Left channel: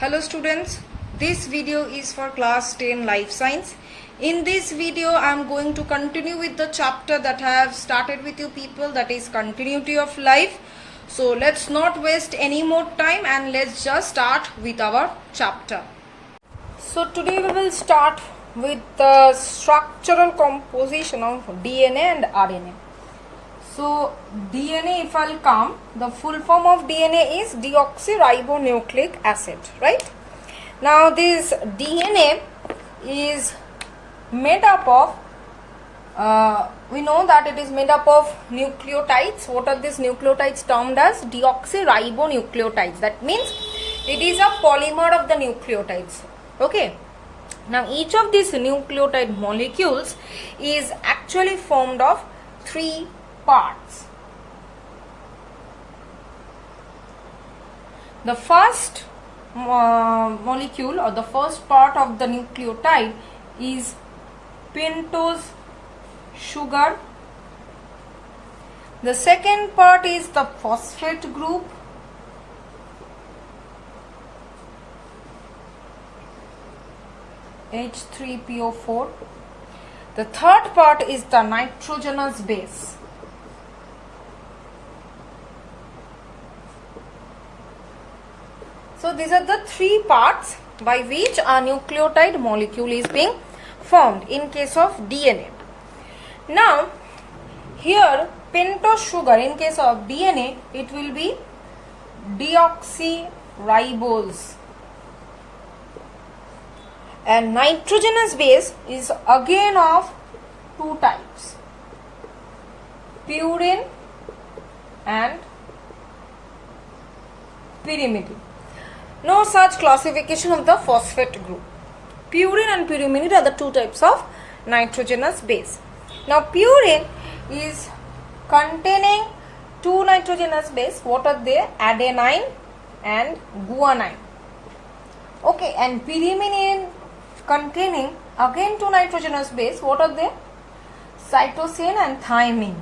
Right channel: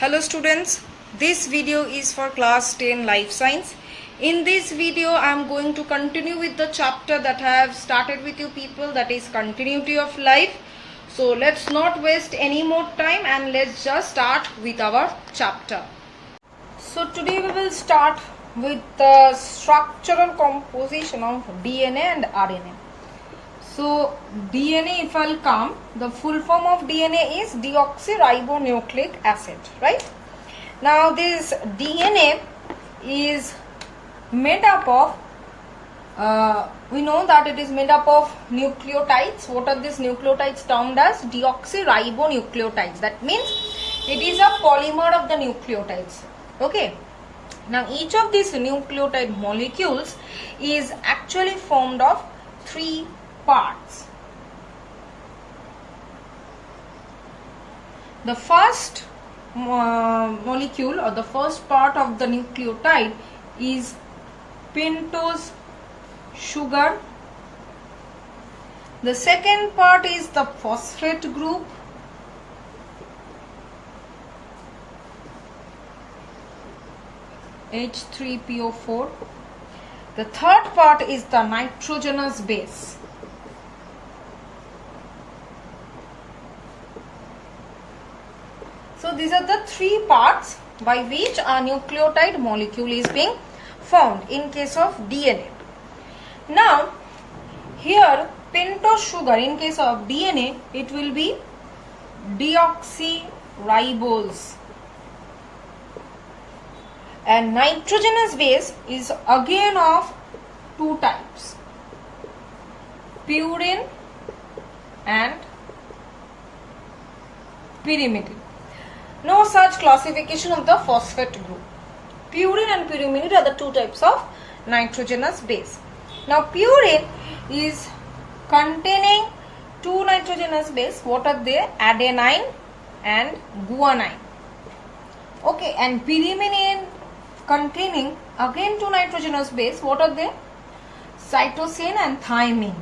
Hello students, this video is for class 10 life science. In this video I am going to continue with the chapter that I have started with you people, that is continuity of life. So let's not waste any more time and let's just start with our chapter. So today we will start with the structural composition of DNA and RNA. So DNA, if I'll come, the full form of DNA is deoxyribonucleic acid, right? Now this DNA is made up of, we know that it is made up of nucleotides. What are these nucleotides termed as? Deoxyribonucleotides. That means it is a polymer of the nucleotides. Okay. Now each of these nucleotide molecules is actually formed of three parts. The first molecule or the first part of the nucleotide is pentose sugar. The second part is the phosphate group. H3PO4. The third part is the nitrogenous base. So these are the three parts by which a nucleotide molecule is being formed in case of DNA. Now here pentose sugar, in case of DNA it will be deoxyribose, and nitrogenous base is again of two types, purine and pyrimidine. No such classification of the phosphate group. Purine and pyrimidine are the two types of nitrogenous base. Now purine is containing two nitrogenous base. What are they? Adenine and guanine. Okay, and pyrimidine containing again two nitrogenous base. What are they? Cytosine and thymine.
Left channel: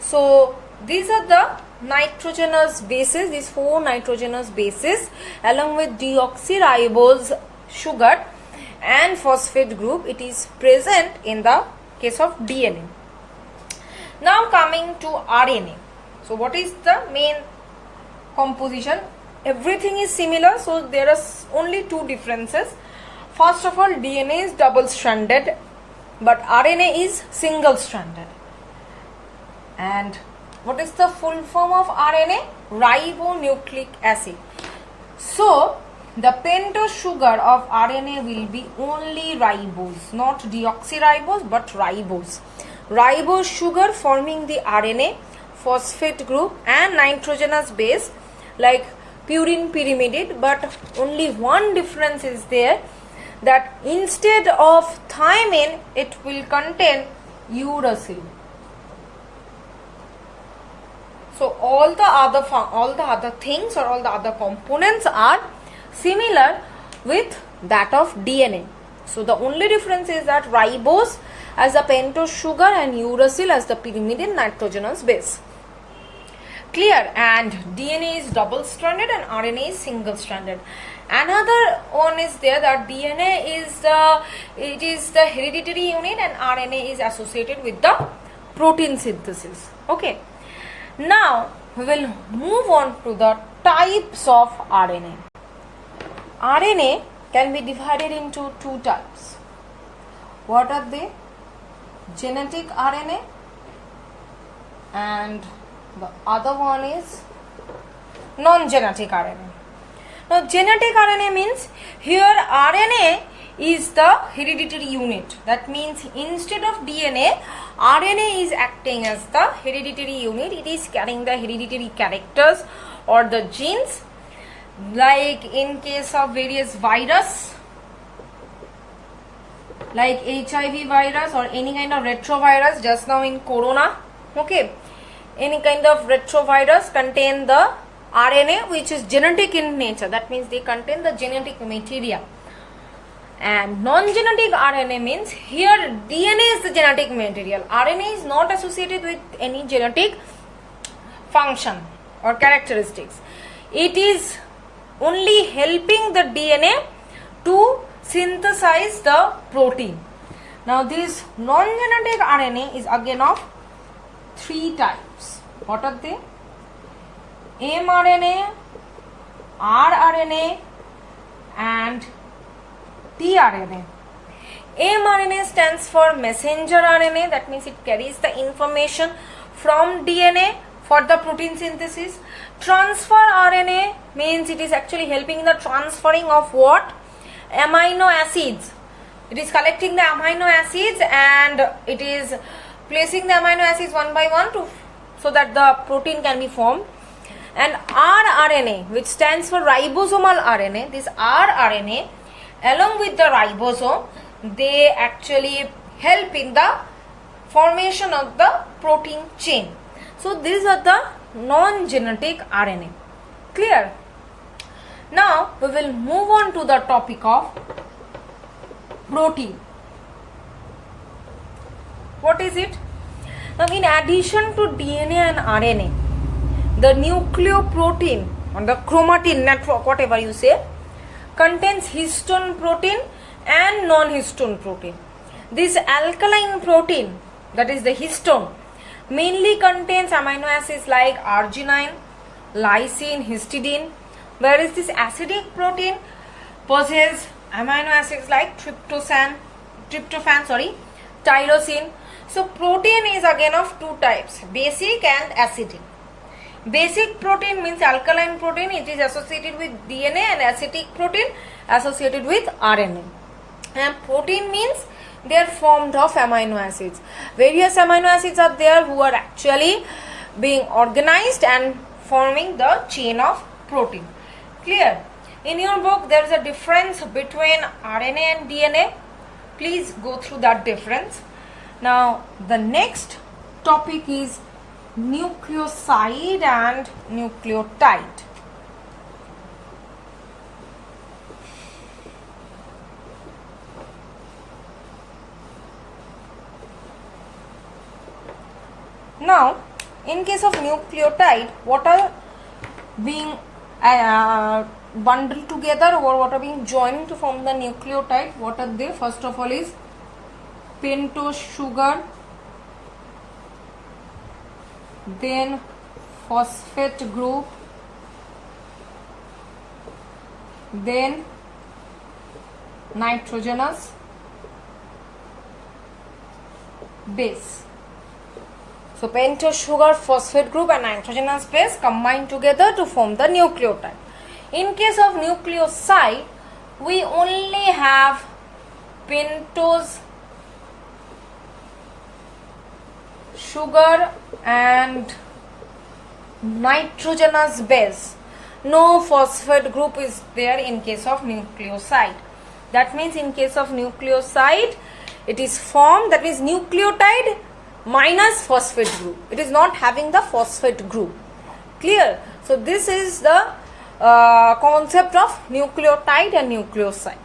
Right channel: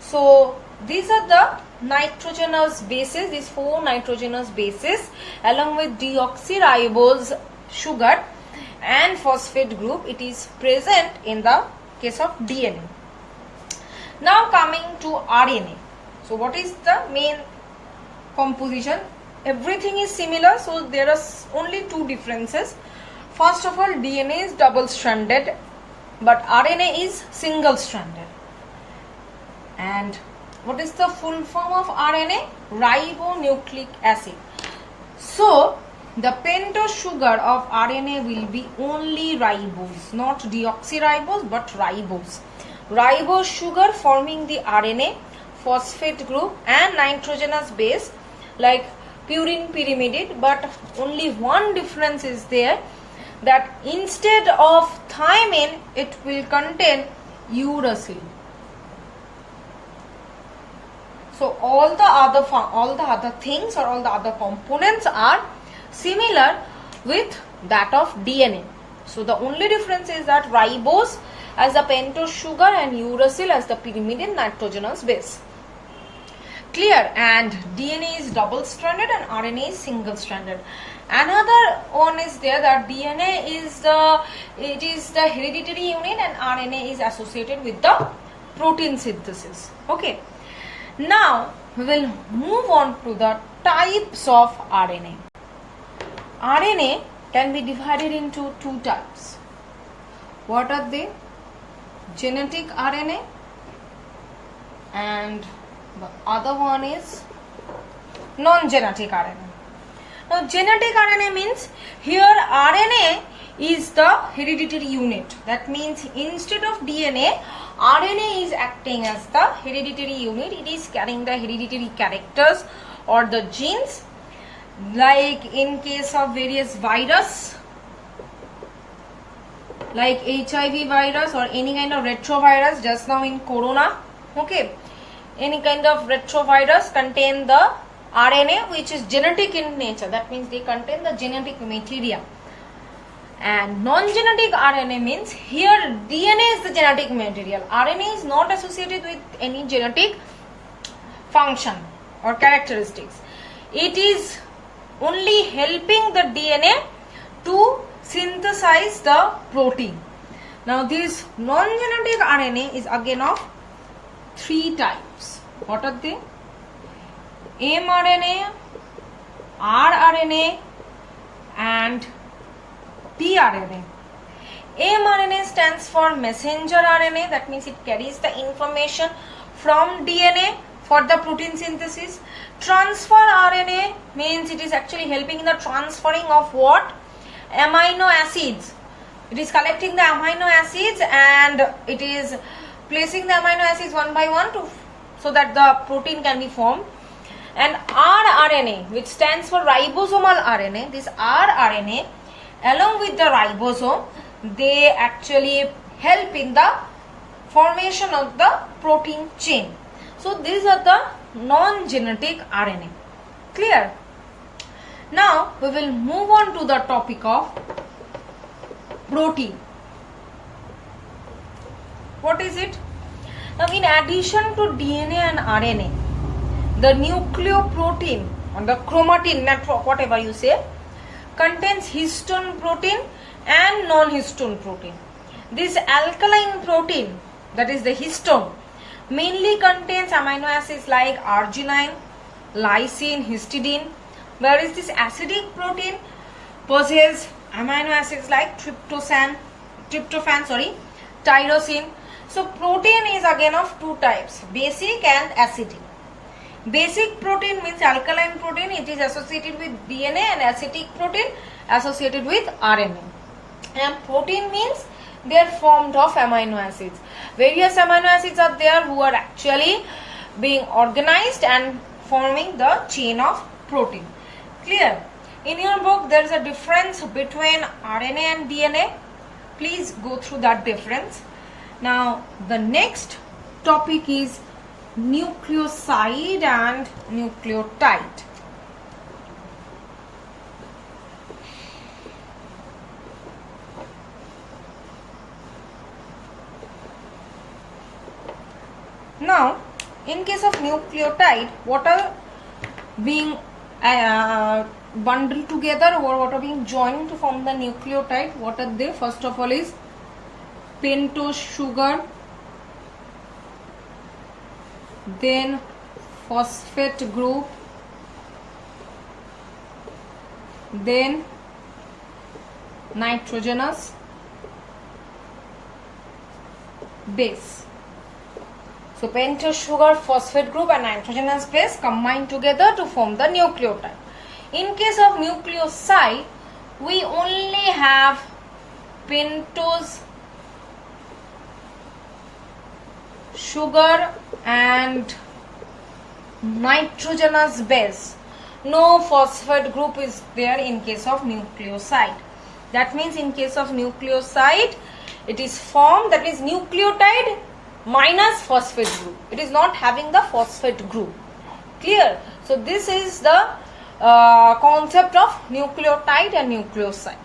So these are the nitrogenous bases, these four nitrogenous bases along with deoxyribose sugar and phosphate group, it is present in the case of DNA. Now coming to RNA. So what is the main composition? Everything is similar, so there are only two differences. First of all, DNA is double stranded but RNA is single stranded. And what is the full form of RNA? Ribonucleic acid. So the pentose sugar of RNA will be only ribose, not deoxyribose but ribose. Ribose sugar forming the RNA, phosphate group and nitrogenous base like purine, pyrimidine, but only one difference is there, that instead of thymine it will contain uracil. So all the other things or all the other components are similar with that of DNA. So the only difference is that ribose as the pentose sugar and uracil as the pyrimidine nitrogenous base. Clear? And DNA is double stranded and RNA is single stranded. Another one is there, that DNA is the hereditary unit and RNA is associated with the protein synthesis. Okay. Now we will move on to the types of RNA. RNA can be divided into two types. What are they? Genetic RNA and the other one is non-genetic RNA. Now genetic RNA means here RNA is the hereditary unit. That means instead of DNA, RNA is acting as the hereditary unit. It is carrying the hereditary characters or the genes, like in case of various virus like HIV virus or any kind of retrovirus, just now in corona. Okay, any kind of retrovirus contain the RNA which is genetic in nature. That means they contain the genetic material. And non-genetic RNA means here DNA is the genetic material. RNA is not associated with any genetic function or characteristics. It is only helping the DNA to synthesize the protein. Now this non-genetic RNA is again of 3 types. What are they? mRNA, rRNA and tRNA. mRNA stands for messenger RNA, that means it carries the information from DNA for the protein synthesis. Transfer RNA means it is actually helping in the transferring of what? Amino acids. It is collecting the amino acids and it is placing the amino acids one by one so that the protein can be formed. And rRNA, which stands for ribosomal RNA, this rRNA along with the ribosome, they actually help in the formation of the protein chain. So these are the non-genetic RNA. Clear? Now we will move on to the topic of protein. What is it? Now in addition to DNA and RNA, the nucleoprotein or the chromatin network, whatever you say, contains histone protein and non-histone protein. This alkaline protein, that is the histone, mainly contains amino acids like arginine, lysine, histidine, whereas this acidic protein possesses amino acids like tryptophan, tyrosine. So protein is again of 2 types, basic and acidic. Basic protein means alkaline protein, it is associated with DNA, and acidic protein associated with RNA. And protein means they are formed of amino acids. Various amino acids are there who are actually being organized and forming the chain of protein. Clear? In your book there is a difference between RNA and DNA. Please go through that difference. Now the next topic is nucleoside and nucleotide. Now in case of nucleotide, what are being bundled together or what are being joined to form the nucleotide? What are they? First of all is pentose sugar, then phosphate group, then nitrogenous base. So pentose sugar, phosphate group and nitrogenous base combine together to form the nucleotide. In case of nucleoside, we only have pentose sugar and nitrogenous base. No phosphate group is there in case of nucleoside. That means in case of nucleoside, it is formed, that is nucleotide minus phosphate group. It is not having the phosphate group. Clear? So this is the concept of nucleotide and nucleoside.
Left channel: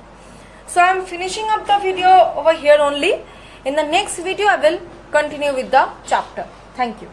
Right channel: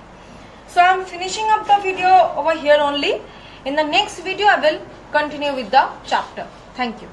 So I am finishing up the video over here only. In the next video I will continue with the chapter. Thank you.